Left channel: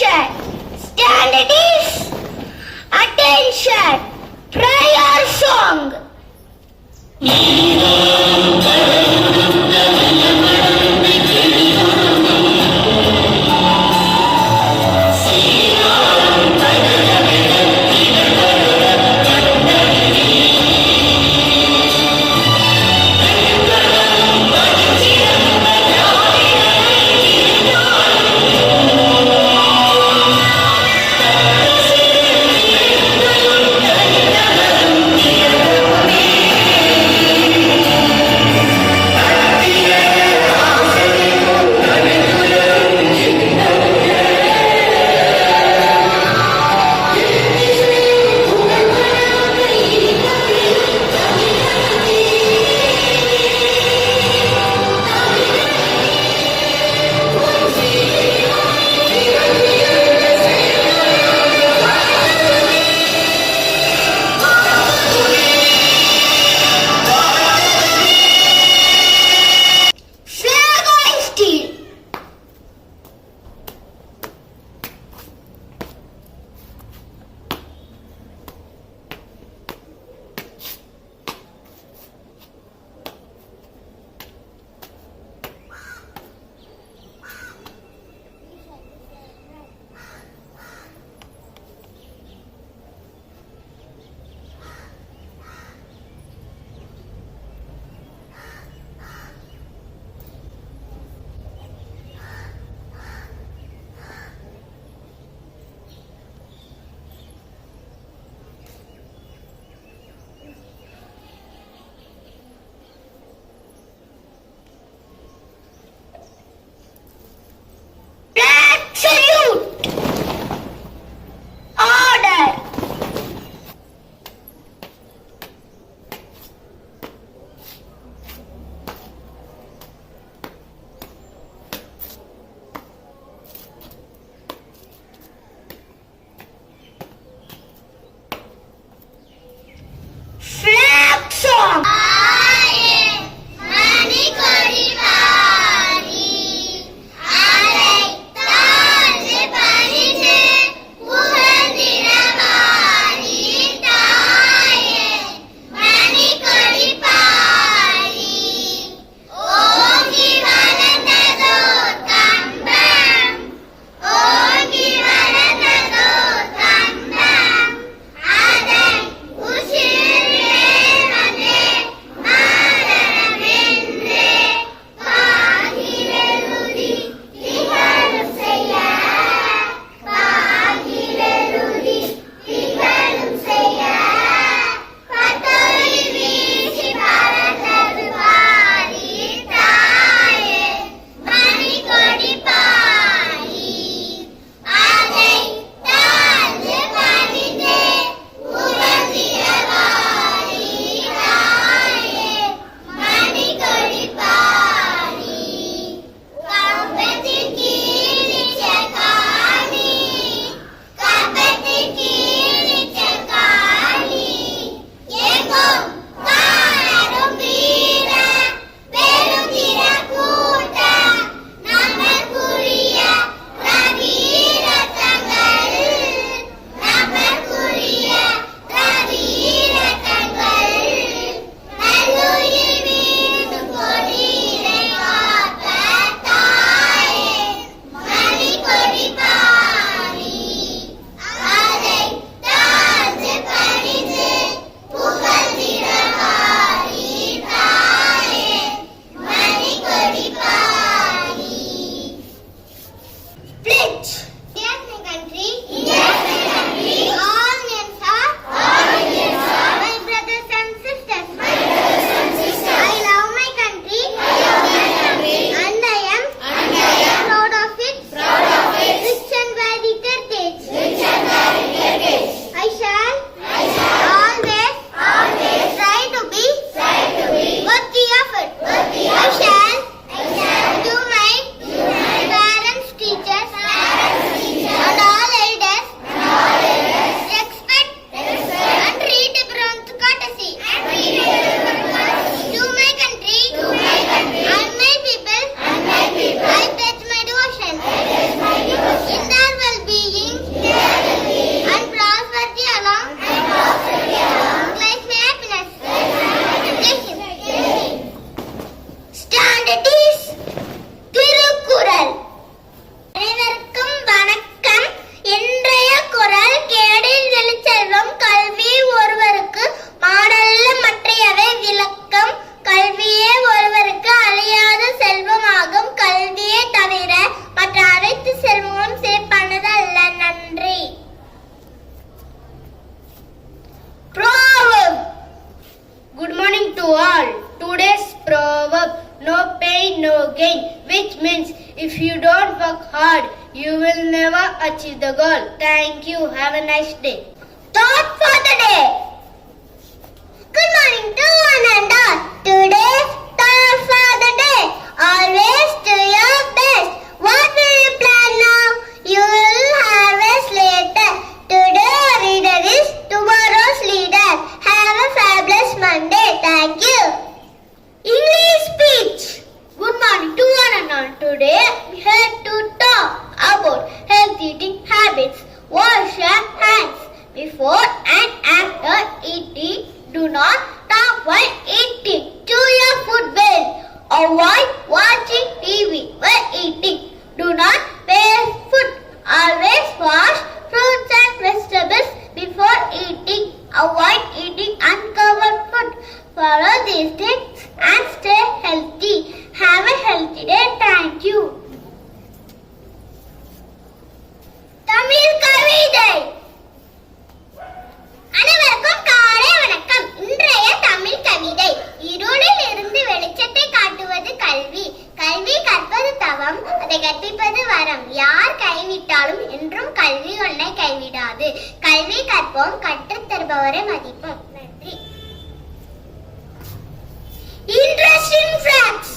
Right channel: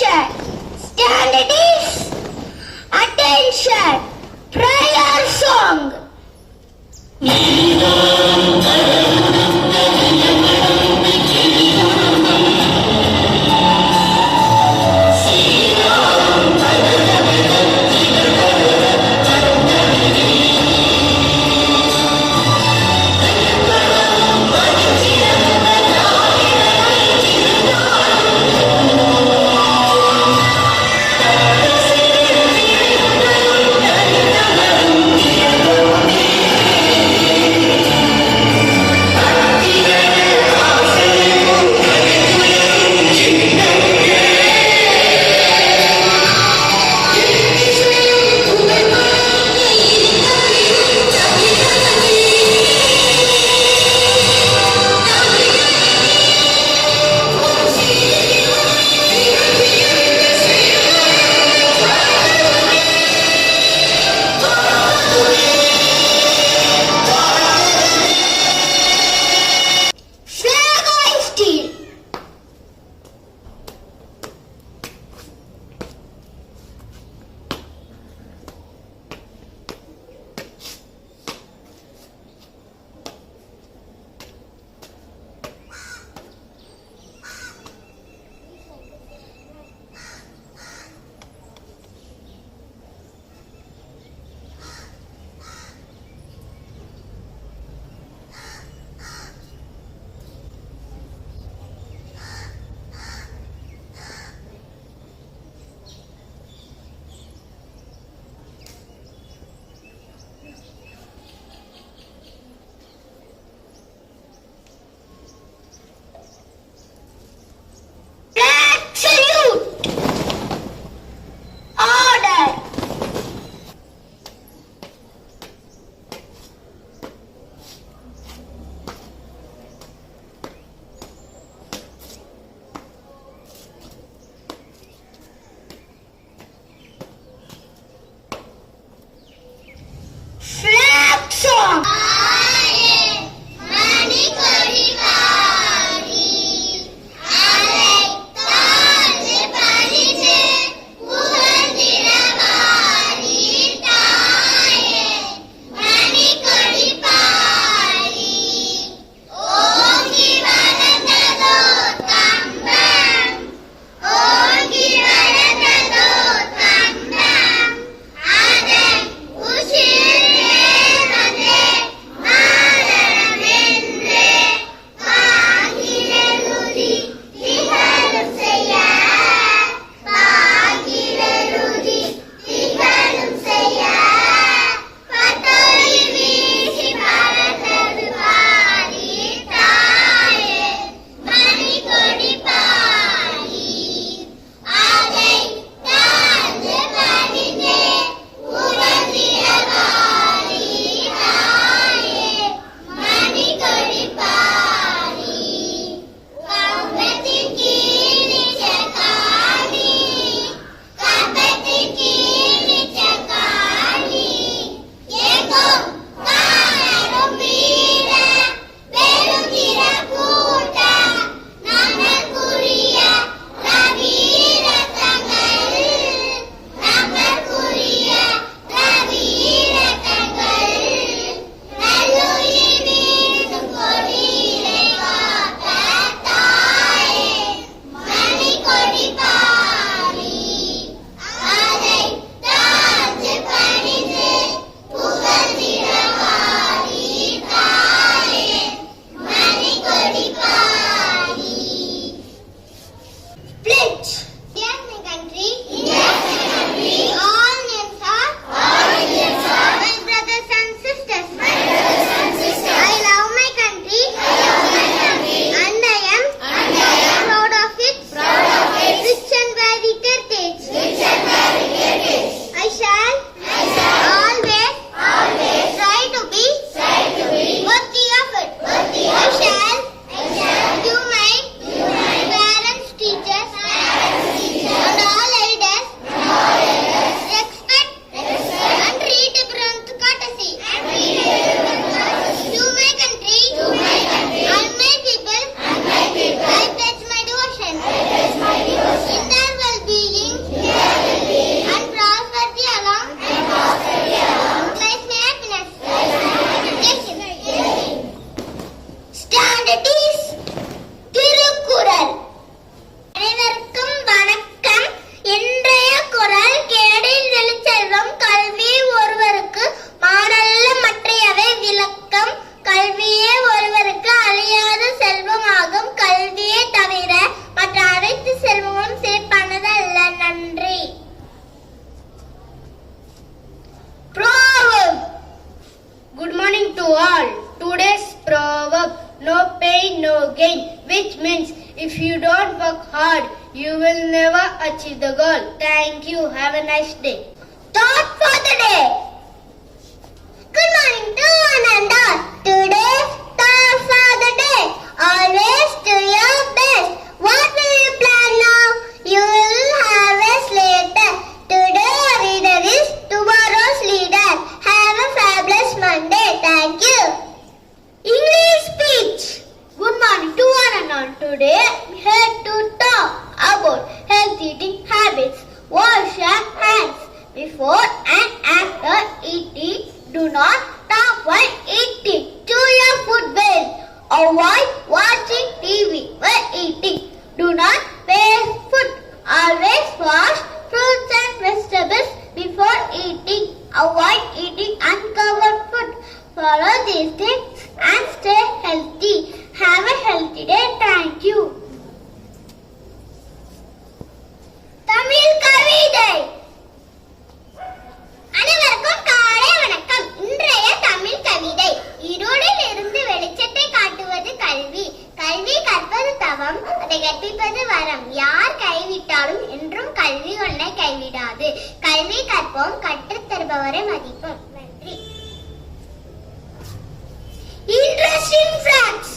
Attention! Stand it is! Attention! Prayer song! achieve the goal. Thank you. Have a nice day. Thought for the day. Good morning to one and all. Today, thought for the day. Always do your best. What will you plan now? You will harvest later. Today our reader is tomorrow's leader. Have a fabulous Monday. Thank you. English speech. Good morning to one and all. Today we have to talk about healthy eating habits. Wash your hands before and after eating. Do not talk while eating. Chew your food well. Avoid watching TV while eating. Do not waste food. Always wash fruits and vegetables before eating. Avoid eating uncovered food. Follow these tips and stay healthy. Have a healthy day. Thank you. Tamil Kavidai. அனைவருக்கும் காலை வணக்கம். இன்றைய தமிழ் கவிதை. இருளில் இருந்து வெளிச்சத்தை காட்டுவது கல்வி. கல்வி கற்பது தவம், அதை கற்பிப்பது வரம். யார் கைவிட்டாலும் என்றும் கல்வி உன்னை கைவிடாது. கல்வி கற்போம், கற்றுத் தருபவரை மதிப்போம். நன்றி. Interesting facts.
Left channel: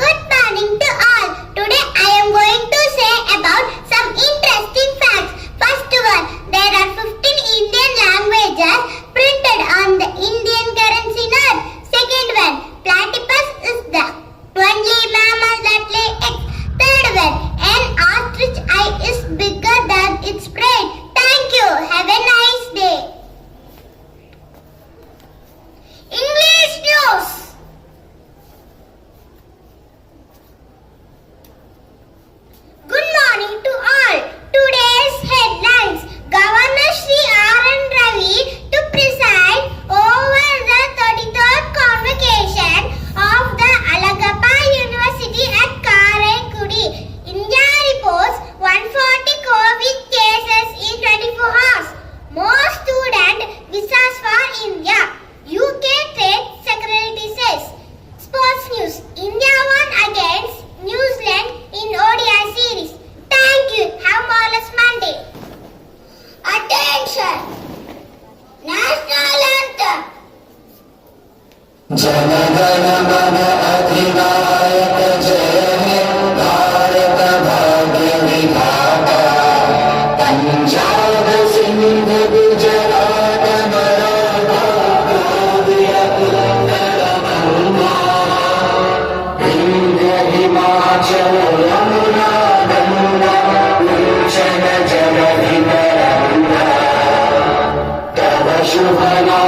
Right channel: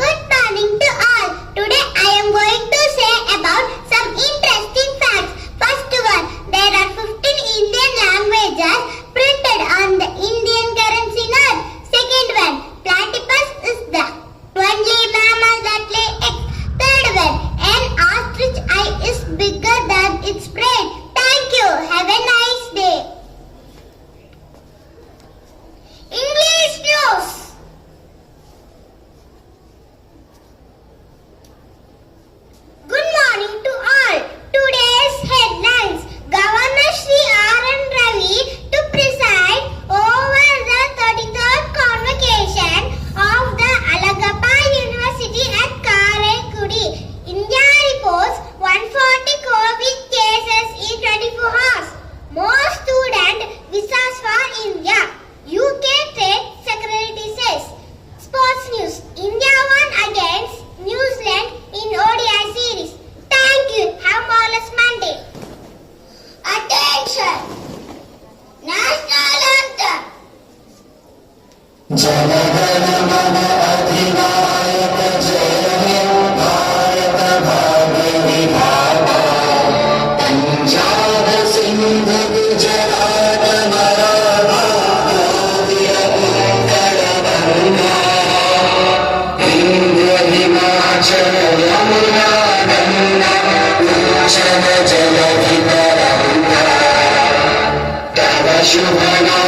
Good morning to all. Today I am going to say about some interesting facts. First one, there are 15 Indian languages printed on the Indian currency note. Second one, platypus is the only mammal that lay eggs. Third one, an ostrich eye is bigger than its brain. Thank you. Have a nice day. English news. Good morning to all. Today's headlines. Governor Shri R.N. Ravi to preside over the 33rd convocation of the Alagappa University at Karaikudi. India reports 140 COVID cases in 24 hours. More student visas for India. UK Trade Secretary says. Sports news. India won against New Zealand in ODI series. Thank you. Have a marvelous Monday. Attention. National anthem. Jana Gana Mana Adhinayaka Jaya He Bharat Bhagya Vidhata Punjab Sindh Gujarat Maratha Gaudiya Uttara Banga Indra Himachal Yamuna Ganga Uchala Jala Vitaranga Tava Shubhana